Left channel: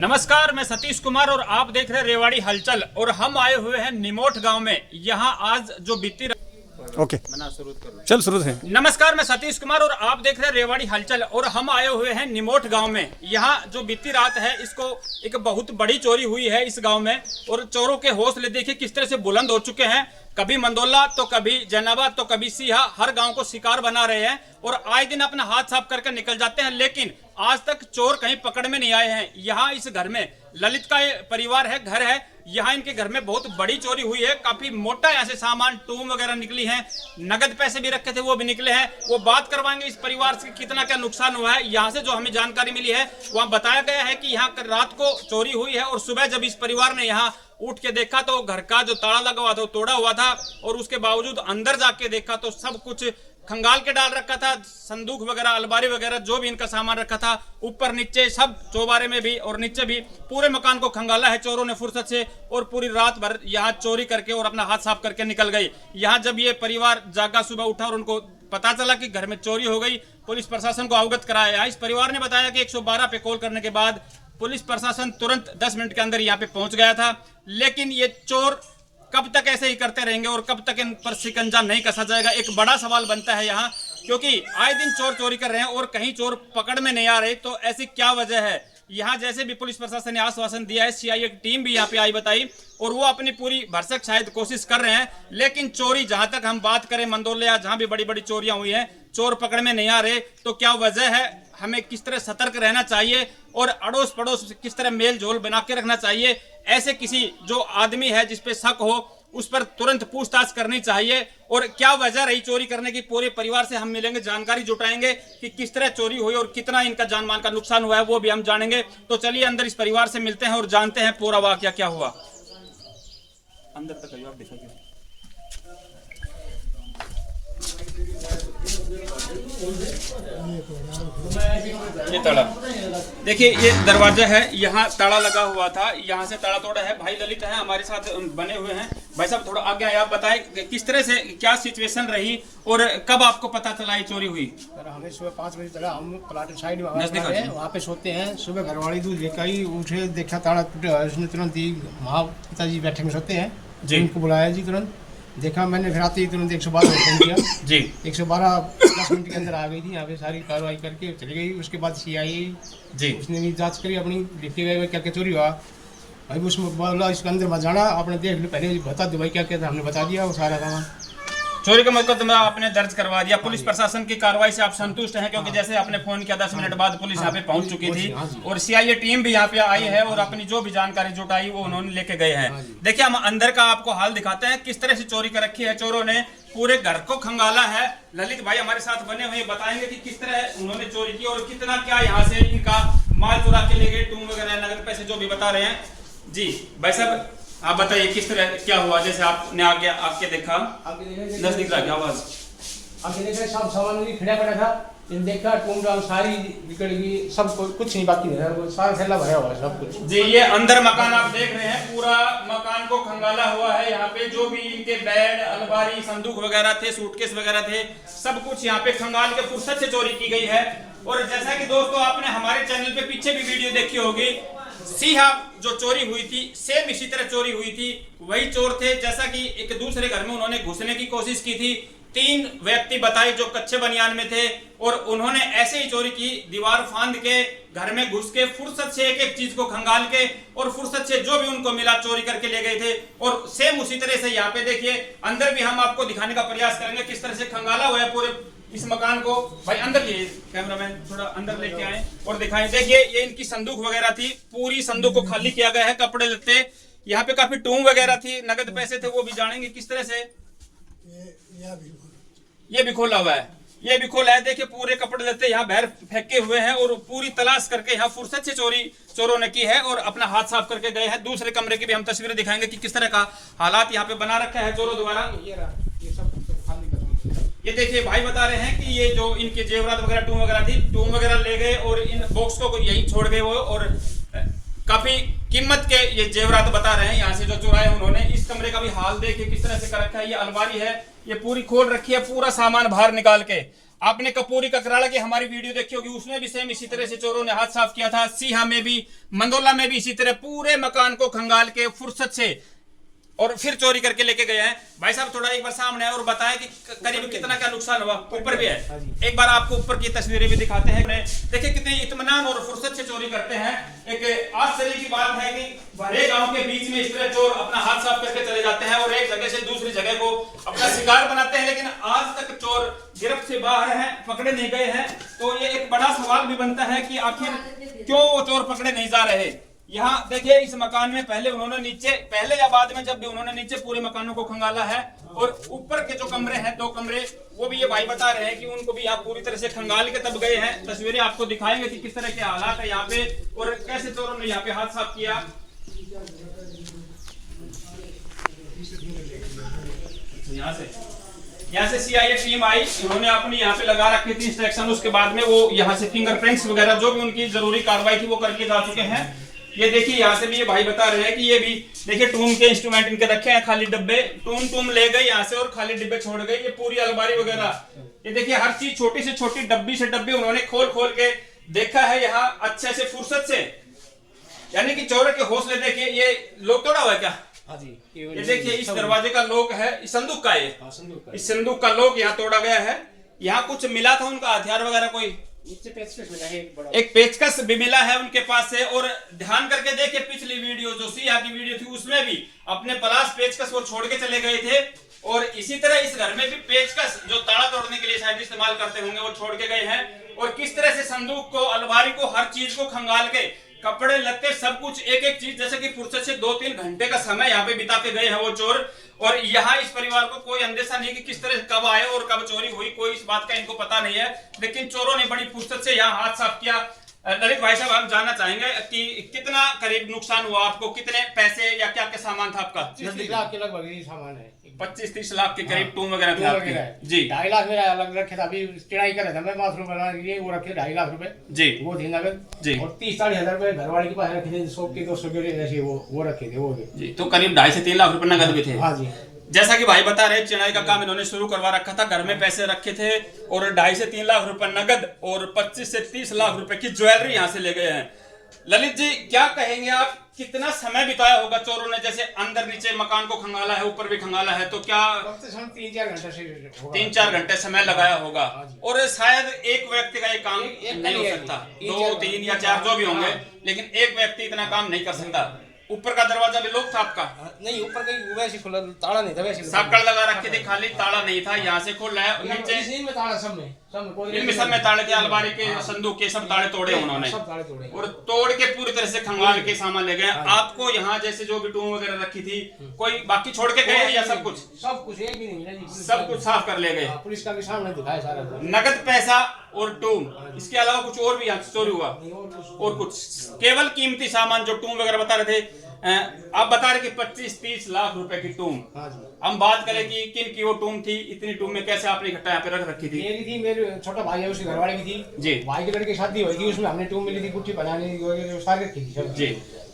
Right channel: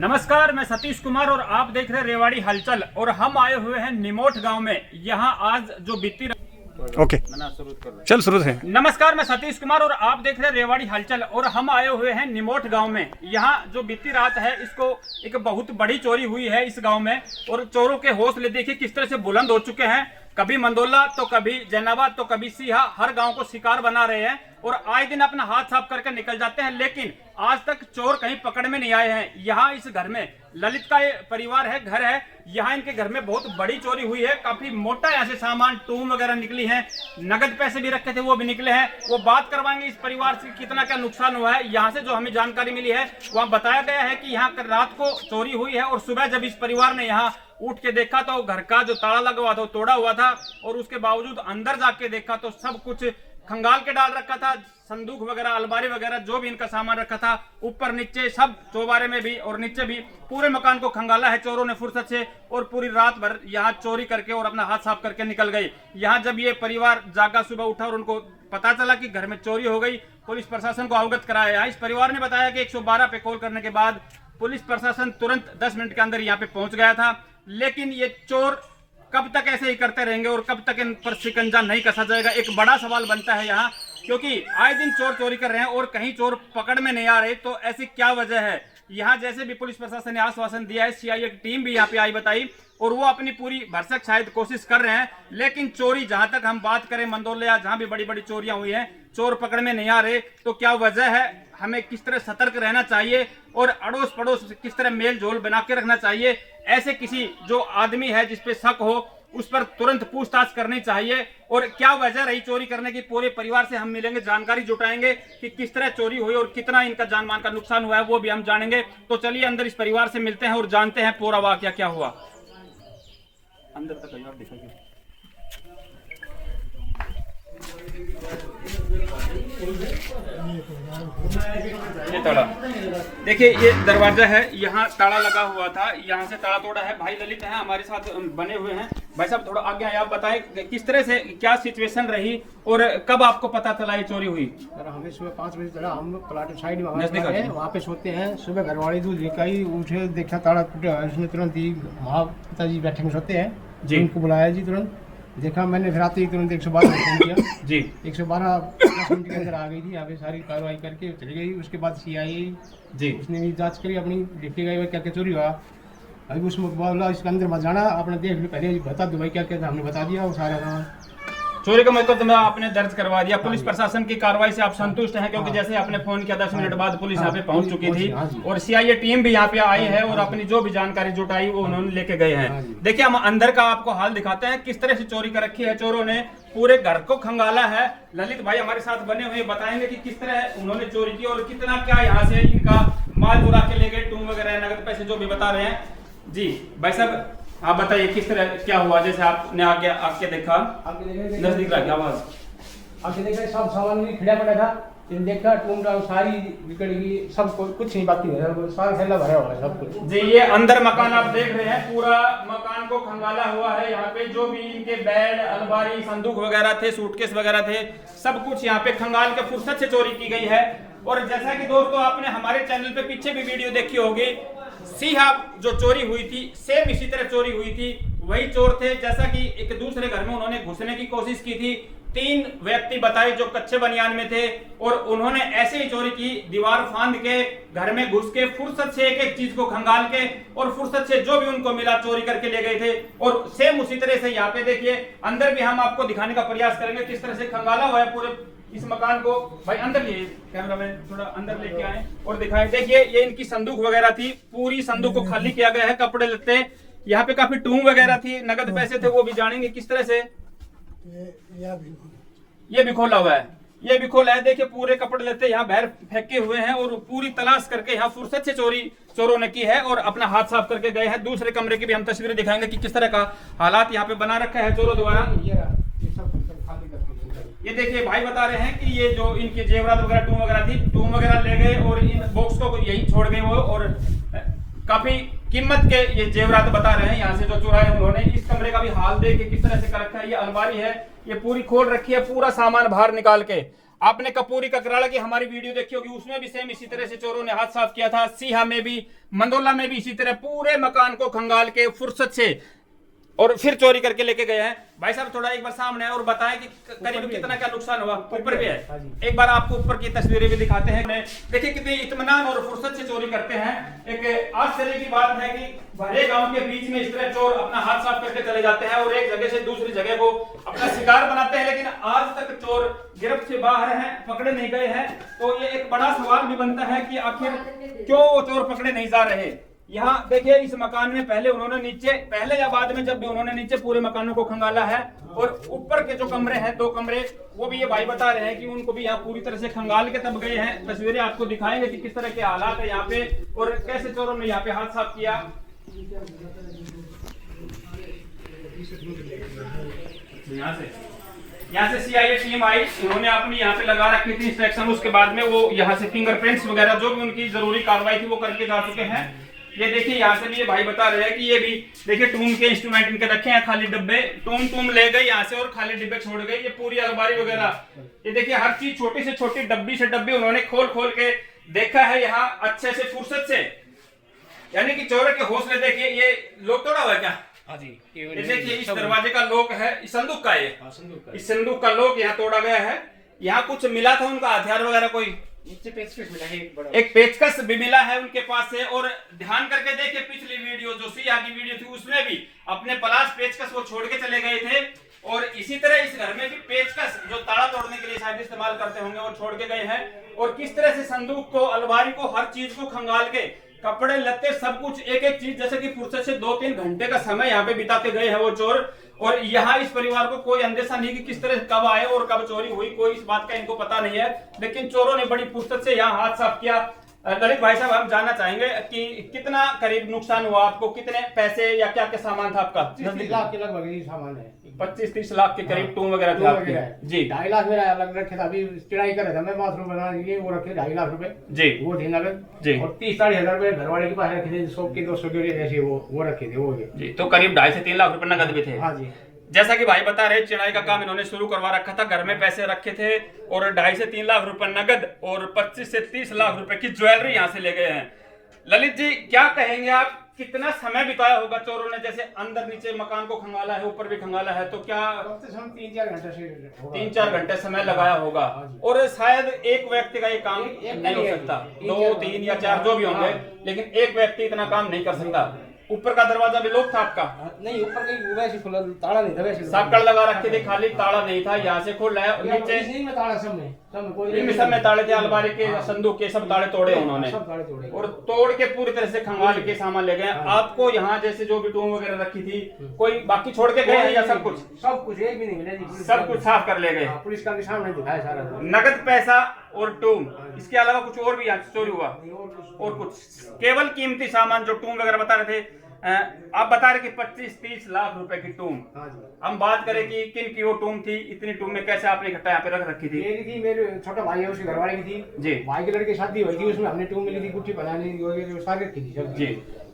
नमस्कार, मैं सतीश कुमार और आप देख रहे हैं रेवाड़ी हलचल। और हम आए हुए हैं निमोट गांव में। यहाँ आज जो बीती ओके चल शुरू से। नमस्कार, मैं सतीश कुमार और आप देख रहे हैं रेवाड़ी हलचल और हम आए हुए हैं निमोट गांव में। यहाँ जो बीती रात है इसको एक बहुत बड़ी चोरी हुई है इस गांव में। और चोरों के हौसले देखिए किस तरह से बुलंद हो चुके हैं। कभी मंदोला तो कभी जैनाबाद तो कभी सीहा, हर गांव को शिकार बना रहे हैं और आए दिन अपना हाथ साफ करके निकल जाते हैं। लेकिन आज तक चोर कहीं पकड़ में नहीं आए हैं। यहाँ इस घर में ललित का परिवार है, घर है। यहाँ इनके घर में बहुत बड़ी चोरी हुई है। काफी मोटा यहाँ से सामान, टूम वगैरह निकली है, नगद पैसे भी रखे थे वो भी निकले हैं। वो बात करवाएंगे इस परिवार से कितना क्या नुकसान हुआ है। यहाँ से जो हमें जानकारी मिली है वहाँ बताया गया है कि यहाँ रात को चोरी हुई है और सुबह जब इस परिवार ने यहाँ उठ के देखा तो घर का जो ताला लगा हुआ था वो तोड़ा हुआ था। और उसके बावजूद अंदर जाके देखा तो सब कुछ खंगाल के डाल रखा था। संदूक वगैरह, अलमारी वगैरह जो भी इनका सामान रखा था, ऊपर नीचे सब, चौबारे में भी और नीचे भी, पूरे मकान को खंगाला है चोरों ने फुर्सत से। और पूरी रात भर यहाँ चोरी करके और अपना हाथ साफ करके निकल गई। यहाँ जब ये परिवार जागा, सुबह उठा और उनको पता चला कि घर में चोरी हो गई, पुलिस प्रशासन को अवगत कराया। इस परिवार ने बताया कि 112 पे कॉल करने के बाद पुलिस प्रशासन तुरंत 10 मिनट के अंदर यहाँ पे पहुंच गया था। लेकिन ये चोर कब तक ऐसे ही करते रहेंगे और कब तक इन पर शिकंजा नहीं कसा जाएगा, एक बड़ा सवाल बनता है यहाँ। क्योंकि आए दिन चोर चोरी कर रहे हैं और कहीं चोर पकड़ में नहीं आ रहे, तो ऐसी क्या वजह है। यहाँ जैसे भी पुलिस प्रशासन ने आश्वासन दिया है, सीआईए की टीम भी यहाँ पे आई बताई और वो अपनी पूरी भरसक शायद कोशिश कर रहे हैं। लेकिन चोरी, जहां तक हम बात करें मंदोले या जहां भी बड़ी बड़ी चोरियां हुई हैं, चोर पकड़ में नहीं आ रहे। तो क्या वजह है, हमें किस तरह सतर्क रहना चाहिए और अड़ोस पड़ोस किस तरह मेल जोल बना के रखना चाहिए। ऐसे किसी जो आदमी है जिसपे शक हो उस पर तुरंत पूछताछ करनी चाहिए। और क्या वजह रही चोरी करने की, पूरे परिवार से हम मिलेंगे, जानकारी जुटाएंगे कि किस तरह चोरी हुई और कितना इनका जान माल का नुकसान हुआ है, वो भी हम जानेंगे। तो चलिए अंदर इस परिवार से मिलते हैं और जानते हैं पूरा वाकया क्या हुआ। अंदर तक आप दिखाइए। ये ताला देखिए, ये दरवाजा है, यहाँ ताला लगा हुआ था, यहाँ से ताला तोड़ा है। भाई ललित है हमारे साथ बने हुए हैं। भाई साहब थोड़ा आगे आए, आप बताएं किस तरह से क्या सिचुएशन रही और कब आपको पता चला ये चोरी हुई। हमें सुबह 5 बजे चला, हम लोग प्लाट साइड में वहाँ पे सोते हैं। सुबह घरवाली दूध लेकर आई, उठे देखा ताला टूटा है। उसने तुरंत ही वहाँ पिताजी बैठे में सोते हैं जी, उनको बुलाया जी। तुरंत देखा मैंने, फिर आते ही तुरंत 112 फोन किया जी। 112 10 मिनट के अंदर आ गई थी यहाँ पे, सारी कार्रवाई करके चली गई। उसके बाद सीआईए जी, उसने भी जांच करी अपनी, देखते गए क्या क्या चोरी हुआ। अभी उसमें बोला इसके अंदर मत जाना, आपने देख लो, पहले बता दो भाई क्या क्या था। हमने बता दिया वो सारा सामान। चोरी का मुकदमा आपने दर्ज करवा दिया। पुलिस प्रशासन की कार्रवाई से आप संतुष्ट हैं? क्योंकि जैसे आपने फोन किया 10 मिनट बाद पुलिस यहाँ पे पहुंच चुकी थी और सीआईए टीम भी यहाँ पे आई है और अपनी जो भी जानकारी जुटाई वो उन्होंने लेके गए हैं। देखिए हम अंदर का आपको हाल दिखाते हैं, किस तरह से चोरी कर रखी है चोरों ने, पूरे घर को खंगाला है। ललित भाई हमारे साथ बने हुए बताएंगे कि किस तरह उन्होंने चोरी की और कितना क्या यहाँ से इनका माल चुरा के ले गए, टूम वगैरह, नगद पैसे जो भी बता रहे हैं जी। भाई साहब आप बताइए किस तरह क्या हुआ, जैसे आपने आगे आके देखा, नजदीक रहा क्या आवाज, आगे देखा सब सामान भी खड़ा पड़ा था। देखा टूम डाम सारी बिगड़ गई, सब कुछ नहीं बाकी है, सारा थैला भरा हुआ है सब कुछ जी। ये अंदर मकान आप देख रहे हैं, पूरा मकान को खंगाला हुआ है। यहाँ पे जो भी इनके बेड, अलमारी, संदूक वगैरह थे, सूटकेस वगैरह थे, सब कुछ यहाँ पे खंगाल के फुर्सत से चोरी की गई है। और जैसा कि दोस्तों आपने हमारे चैनल पे पीछे भी वीडियो देखी होगी, सीहा जो चोरी हुई थी सेम इसी तरह चोरी हुई थी। वही चोर थे, जैसा कि एक दूसरे घर में उन्होंने घुसने की कोशिश की थी। 3 व्यक्ति बताए जो कच्चे बनियान में थे और उन्होंने ऐसे ही चोरी की, दीवार फांद के घर में घुस के फुर्सत से एक एक चीज को खंगाल के और फुर्सत से जो भी उनको मिला चोरी करके ले गए थे। और सेम उसी तरह से यहाँ पे देखिए अंदर भी हम आपको दिखाने का प्रयास करेंगे किस तरह से खंगाला हुआ है पूरे इस मकान को। भाई अंदर लिए कैमरामैन थोड़ा अंदर लेके आए और दिखाएं। देखिए ये इनकी संदूक वगैरह थी, पूरी संदूक को खाली किया गया है, कपड़े लत्ते, यहाँ पे काफी टूम वगैरह थी, नगद पैसे थे, वो भी जानेंगे किस तरह से। ये भी खोला हुआ है, ये भी खोला है। देखिए पूरे कपड़े लत्ते यहाँ बाहर फेंके हुए हैं और पूरी तलाश करके यहाँ फुर्सत से चोरी चोरों ने की है और अपना हाथ साफ करके गए हैं। दूसरे कमरे की भी हम तस्वीरें दिखाएंगे कि किस तरह का हालात यहाँ पे बना रखा है चोरों द्वारा। ये देखिए भाई बता रहे हैं कि ये जो इनके जेवरात वगैरह, टूम वगैरह थी, टूम वगैरह ले गए और इन बॉक्स को यही छोड़ गए वो। और काफी कीमत के ये जेवरात बता रहे हैं यहाँ से जो चुराए उन्होंने। इस कमरे का भी हाल देखिए किस तरह से कर रखा है। ये अलमारी है, ये पूरी खोल रखी है, पूरा सामान बाहर निकाल के। आपने कपूरी ककराला की हमारी वीडियो देखी होगी, उसमें भी सेम इसी तरह से चोरों ने हाथ साफ किया था। सीहा में भी, मंदोला में भी इसी तरह पूरे मकान को खंगाल के फुर्सत से और फिर चोरी करके लेके गए हैं। भाई साहब थोड़ा एक बार सामने है और बताएं कि करीब कितना क्या नुकसान हुआ। ऊपर भी है, एक बार आपको ऊपर की तस्वीरें भी दिखाते हैं। देखिए कितनी इत्मीनान और फुर्सत से चोरी करते हैं। एक आश्चर्य की बात है कि भरे गांव के बीच में इस तरह चोर अपना हाथ साफ करके चले जाते हैं और एक जगह से दूसरी जगह को अपना शिकार बनाते हैं, लेकिन आज तक चोर गिरफ्त से बाहर हैं, पकड़े नहीं गए हैं। तो ये एक बड़ा सवाल भी बनता है कि आखिर क्यों वो चोर पकड़े नहीं जा रहे। यहाँ देखिए इस मकान में पहले उन्होंने नीचे, पहले या बाद में जब भी उन्होंने नीचे पूरे मकानों को खंगाला है, और ऊपर के जो कमरे हैं 2 कमरे, वो भी ये भाई बता रहे हैं कि उनको भी यहाँ पूरी तरह से खंगाल के तब गए हैं। तस्वीरें आपको दिखाएंगे कि किस तरह के हालात है यहाँ पे और कैसे चोरों ने यहाँ पे हाथ साफ किया। यहाँ से सीआईए टीम आई, उन्होंने अपनी यहाँ पे लगा रखी थी इंस्ट्रक्शन, उसके बाद में वो यहाँ से फिंगरप्रिंट्स वगैरह जो भी उनकी जरूरी कार्रवाई थी वो करके जा चुके हैं। ये देखिए यहाँ से भी ये भाई बता रहे हैं कि ये भी देखिए टूम के इंस्ट्रूमेंट इनके रखे हैं, खाली डब्बे टूम ले गए यहाँ से और खाली डिब्बे छोड़ गए। ये पूरी अलमारी वगैरह, ये देखिए हर चीज छोटी से छोटी डब्बी से डब्बी उन्होंने खोल के देखा है यहाँ अच्छे से फुर्सत से। यानी कि चोरों के हौसले देखिए। ये लोग तोड़ा हुआ है क्या? ये देखिए इस दरवाजे का लॉक है, इस संदूक का है, इस संदूक का लॉक यहाँ तोड़ा गया है। यहाँ कुछ मिला था उनका हथियार वगैरह, कोई एक पेचकस भी मिला है उनके पास से। और ध्यान करके देखिए पिछली वीडियो जो सिया की वीडियो थी उसमें भी अपने पलाश पेचकस वो छोड़ के चले गए थे, और इसी तरह इस घर में भी पेचकस जो ताला तोड़ने के लिए शायद इस्तेमाल करते होंगे वो छोड़ के गए हैं। और किस तरह से संदूक को, अलमारी को, हर चीज को खंगाल के, कपड़े लत्ते सब कुछ एक एक चीज जैसे कि फुर्सत से 2-3 घंटे का समय यहाँ पे बिता के गए हैं वो चोर। और यहाँ इस परिवार को कोई अंदेशा नहीं कि किस तरह कब आए और कब चोरी हुई, कोई इस बात का इनको पता नहीं है। लेकिन चोरों ने बड़ी फुर्सत से यहाँ हाथ साफ किया। ललित भाई साहब हम जानना चाहेंगे कि कितना करीब नुकसान हुआ आपको, कितने पैसे या क्या क्या सामान था आपका? 25-30 लाख के लगभग सामान है। 25-30 लाख के करीब टूम वगैरह थे आपके जी। 2.5 लाख मेरा अलग रखे था, अभी चढ़ाई कर रहा था मैं बाथरूम बनाने के लिए, वो रखे 2.5 लाख रुपए जी, वो थे नगद जी। और 30-40 हजार रुपए घरवाले के पास रखे थे, 100 के 200 के ऐसे वो रखे थे वो जी। तो करीब 2.5 से 3 लाख रुपए नगद भी थे। हाँ जी। जैसा कि भाई बता रहे चिड़ाई का काम इन्होंने शुरू करवा रखा था, घर में पैसे रखे थे और 2.5 से 3 लाख रुपए नगद और 25 से 30 लाख रुपए की ज्वेलरी यहाँ से ले गए हैं। ललित जी क्या कहेंगे आप, कितना समय बिताया होगा चोरों ने? जैसे अंदर नीचे मकान को खंगाला है, ऊपर भी खंगाला है, तो क्या 3-4 घंटे समय लगाया होगा? और शायद एक व्यक्ति का ये काम नहीं हो सकता, 2, 3 या 4 जो भी होंगे, लेकिन एक व्यक्ति इतना काम नहीं कर सकता। ऊपर का दरवाजा भी लॉक था आपका? नहीं, ऊपर का वैसे खुला, ताला नहीं था, वैसे साकड़ लगा रखे थे, खाली ताला नहीं था। यहाँ से खोल रहा है, नीचे इसी में ताला सब में ताले थे, अलमारी के, संदूक के सब ताले तोड़े उन्होंने, और तोड़ के पूरी तरह से खंगाल के सामान ले गए। आपको यहाँ जैसे जो भी टूम वगैरह रखी थी, कोई बाकी छोड़ के गए या सब कुछ एक भी नहीं मिला? सब कुछ साफ कर ले गए। पुलिस का सामने दिखाया सारा, नगद पैसा और टूम, इसके अलावा कुछ और भी यहाँ चोरी हुआ? और कुछ केवल कीमती सामान जो टूम वगैरह बता रहे थे, आप बता रहे कि 25-30 लाख रुपए की टूम। हम बात करें कि किन की वो टूम थी, इतनी टूम में कैसे आपने इकट्ठा यहाँ पे रख रखी थी? मेरी थी, मेरे छोटा भाई है उसके घरवाले की थी जी। भाई के लड़के की शादी होगी, उसमें हमने टूम मिली थी, गुट्ठी बनाने की सारी रखी थी जी।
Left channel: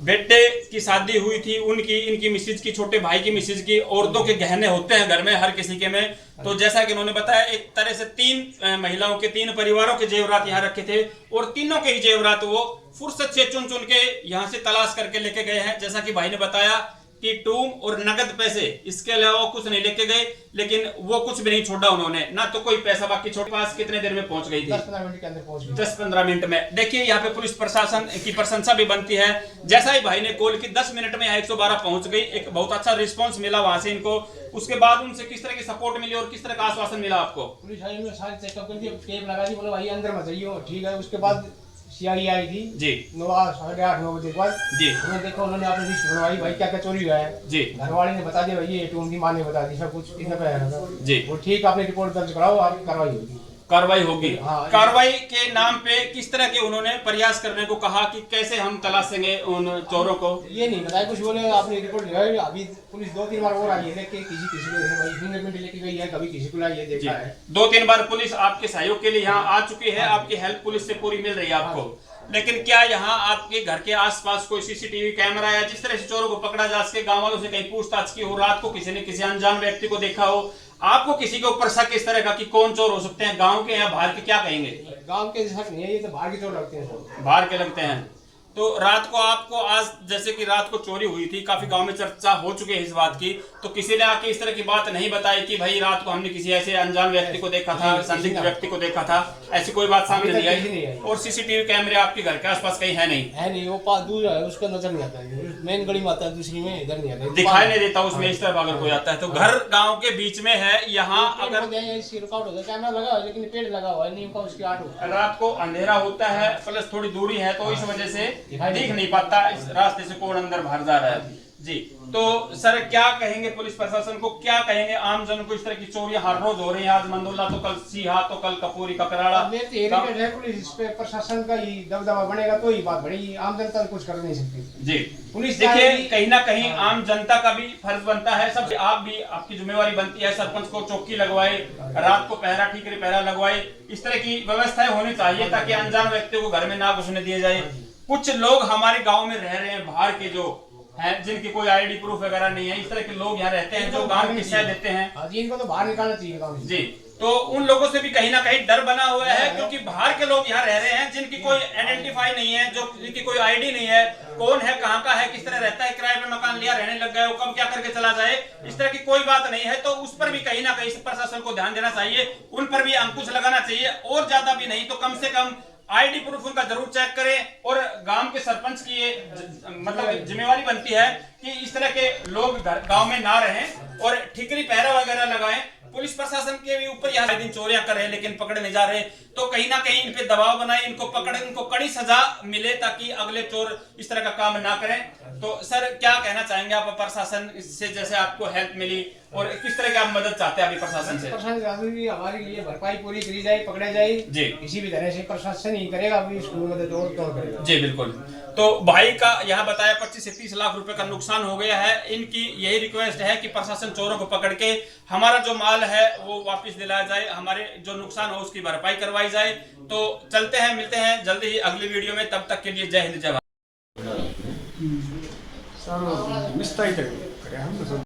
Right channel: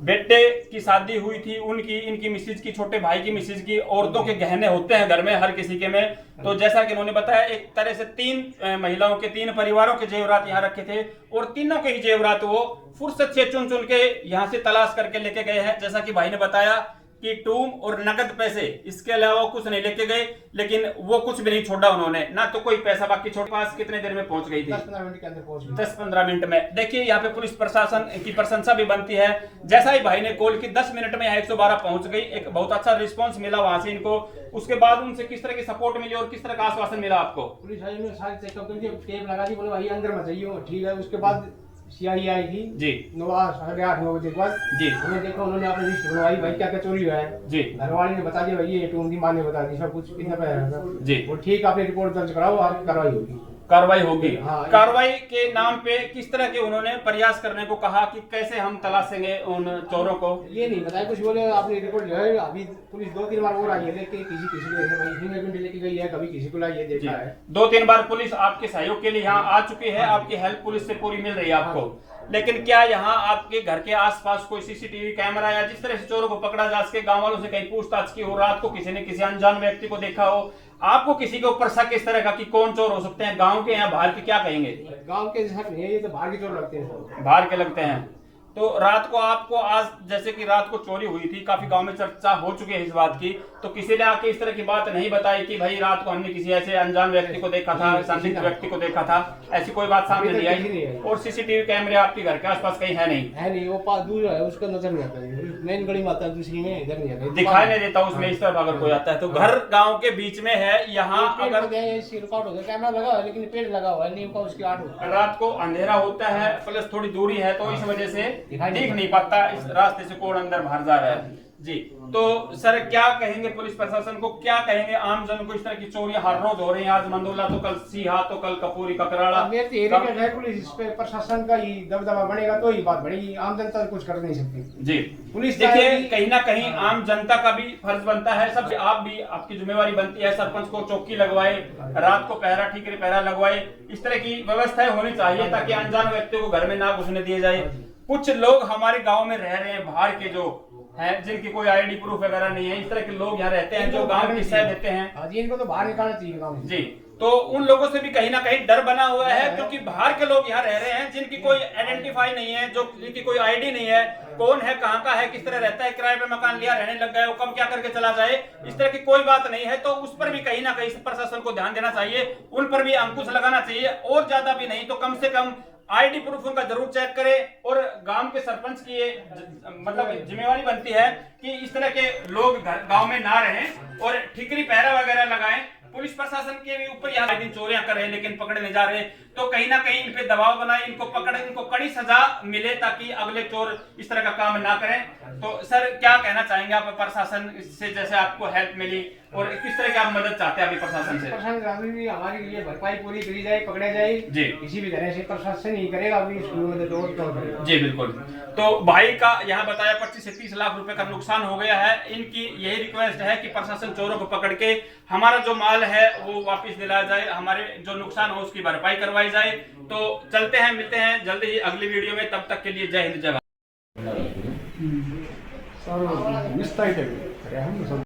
बेटे की शादी हुई थी उनकी, इनकी मिसेज की, छोटे भाई की मिसेज की। औरतों के गहने होते हैं घर में हर किसी के में, तो जैसा कि उन्होंने बताया एक तरह से 3 महिलाओं के 3 परिवारों के जेवरात यहाँ रखे थे, और तीनों के ही जेवरात वो फुर्सत से चुन चुन के यहाँ से तलाश करके लेके गए हैं। जैसा कि भाई ने बताया कि टूम और नगद पैसे, इसके अलावा कुछ नहीं लेके गए, लेकिन वो कुछ भी नहीं छोड़ा उन्होंने, ना तो कोई पैसा बाकी छोड़। पास कितने देर में पहुंच गई थी? 10-15 मिनट के अंदर पहुंच गई। 10-15 मिनट में। देखिए यहाँ पे पुलिस प्रशासन की प्रशंसा भी बनती है। जैसा ही भाई ने कॉल की 10 मिनट में 112 पहुंच गई, एक बहुत अच्छा रिस्पांस मिला वहां से इनको। उसके बाद उनसे किस तरह की सपोर्ट मिली और किस तरह का आश्वासन मिला आपको? पुलिस आई ने सारे चेकअप कर दिए, टेप लगा दी, बोला भाई अंदर मत जाइए, ठीक है। उसके बाद सीआई आई थी जी, 8:30-9 बजे के बाद जी। उन्होंने देखा, उन्होंने अपनी लिस्ट बनवाई, भाई क्या क्या चोरी हुआ है जी। घरवाली ने बता दिया, भाई ये टूम थी, माँ ने बता दी सब कुछ जी। वो ठीक, आपने रिपोर्ट दर्ज कराओ, आपकी कार्रवाई होगी। कार्रवाई होगी। कार्रवाई के नाम पे किस तरह के उन्होंने प्रयास करने को कहा कि कैसे हम तलाशेंगे उन चोरों को? ये नहीं बताया कुछ, बोले आपने रिपोर्ट जो है अभी पुलिस 2-3 बार और आई है, देख के किसी को फिंगरप्रिंट लेके गई है, कभी किसी को लाई है, देखा है। 2-3 बार पुलिस आपके सहयोग के लिए यहाँ आ चुकी है, आपकी हेल्प पुलिस से पूरी मिल रही है आपको। लेकिन क्या यहाँ आपके घर के आसपास कोई सीसीटीवी कैमरा या जिस तरह से चोरों को पकड़ा जा सके, गांव वालों से कहीं पूछताछ की हो, रात को किसी ने किसी अनजान व्यक्ति को देखा हो, आपको किसी के ऊपर शक इस तरह का कि कौन चोर हो सकते हैं, गांव के या बाहर के, क्या कहेंगे? गांव के शक नहीं है, ये तो बाहर की चोर लगते हैं सब। बाहर के लगते हैं। तो रात को आपको, आज जैसे कि रात को चोरी हुई थी, काफी गांव में चर्चा हो चुकी है इस बात की, तो किसी ने आके इस तरह की बात नहीं बताई कि भाई रात को हमने किसी ऐसे अनजान व्यक्ति को देखा था, संदिग्ध व्यक्ति को देखा था, ऐसी कोई बात सामने नहीं आई? और सीसीटीवी कैमरे आपके घर के आसपास कहीं है नहीं? है नहीं, वो पास दूर है, उसको नजर नहीं आता है, मेन गली में आता है, दूसरी में इधर नहीं आता, दिखाई नहीं देता उसमें इस तरफ अगर कोई आता है तो। घर गांव के बीच में है, यहाँ अगर रिकॉर्ड होता है, कैमरा लगा हुआ है लेकिन पेड़ लगा हुआ है, नीम का उसकी आड़ होता है। रात को अंधेरा होता है, प्लस थोड़ी दूरी है, तो इस वजह से दिख नहीं पाता इस रास्ते से कौन अंदर बाहर जा रहा है जी। तो सर क्या कहेंगे पुलिस प्रशासन को, क्या कहेंगे आम जन को? इस तरह की चोरियां हर रोज हो रही हैं, आज मंदोला तो कल सीहा, तो कल कपूरी ककराड़ा। पुलिस पे प्रशासन का ही दबदबा बनेगा तो ही बात बढ़ेगी, आम जनता कुछ कर नहीं सकती जी। पुलिस देखिए कहीं ना कहीं आम जनता का भी फर्ज बनता है, सब आप भी, आपकी जिम्मेवारी बनती है, सरपंच को चौकी लगवाए, रात को पहरा, ठीकरे पहरा लगवाए, इस तरह की व्यवस्थाएं होनी चाहिए ताकि अनजान व्यक्तियों को घर में ना घुसने दिए जाए। कुछ लोग हमारे गांव में रह रहे हैं बाहर के जो हैं, जिनकी कोई आईडी प्रूफ वगैरह नहीं है, इस तरह के लोग यहाँ रहते हैं जो गांव की सह देते हैं जी, इनको तो बाहर निकालना चाहिए गांव से। जी। तो उन लोगों से भी कहीं ना कहीं डर बना हुआ है, क्योंकि बाहर के लोग यहाँ रह रहे हैं जिनकी कोई आइडेंटिफाई नहीं है, जो जिनकी कोई आईडी नहीं है, कौन है, कहाँ का है, किस तरह रहता है, किराए पे मकान लिया, रहने लग गए, वो कब क्या करके चला जाए, इस तरह की कोई बात नहीं है। तो उस पर भी कहीं ना कहीं प्रशासन को ध्यान देना चाहिए, उन पर भी अंकुश लगाना चाहिए, और ज्यादा भी नहीं तो कम से कम आईडी प्रूफ उनका जरूर चेक करें। और गांव के सरपंच की ये मतलब जिम्मेवारी बनती है कि इस तरह के लोग गांव में ना रहें और ठिकरी पहरा वगैरह लगाएं। पुलिस प्रशासन के भी ऊपर यहाँ दिन चोरियां कर रहे हैं लेकिन पकड़े नहीं जा रहे, तो कहीं ना कहीं इन पे दबाव बनाए, इनको पकड़े, इनको कड़ी सजा मिले ताकि अगले चोर इस तरह का काम ना करें। तो सर क्या कहना चाहेंगे आप प्रशासन से, जैसे आपको हेल्प मिली और किस तरह की आप मदद चाहते हैं अभी प्रशासन से? प्रशासन भी हमारे लिए भरपाई पूरी करी जाए, पकड़े जाए जी, किसी भी तरह से प्रशासन ही करेगा, अभी इसको मदद और क्यों करेगा जी। बिल्कुल। तो भाई का यहाँ बताया 25 से 30 लाख रुपए का नुकसान हो गया है। इनकी यही रिक्वेस्ट है कि प्रशासन चोरों को पकड़ के हमारा जो माल है वो वापस दिलाया जाए, हमारे जो नुकसान हो उसकी भरपाई करवाई जाए। तो चलते हैं, मिलते हैं जल्दी ही अगली वीडियो में, तब तक के लिए जय हिंद जय भारत।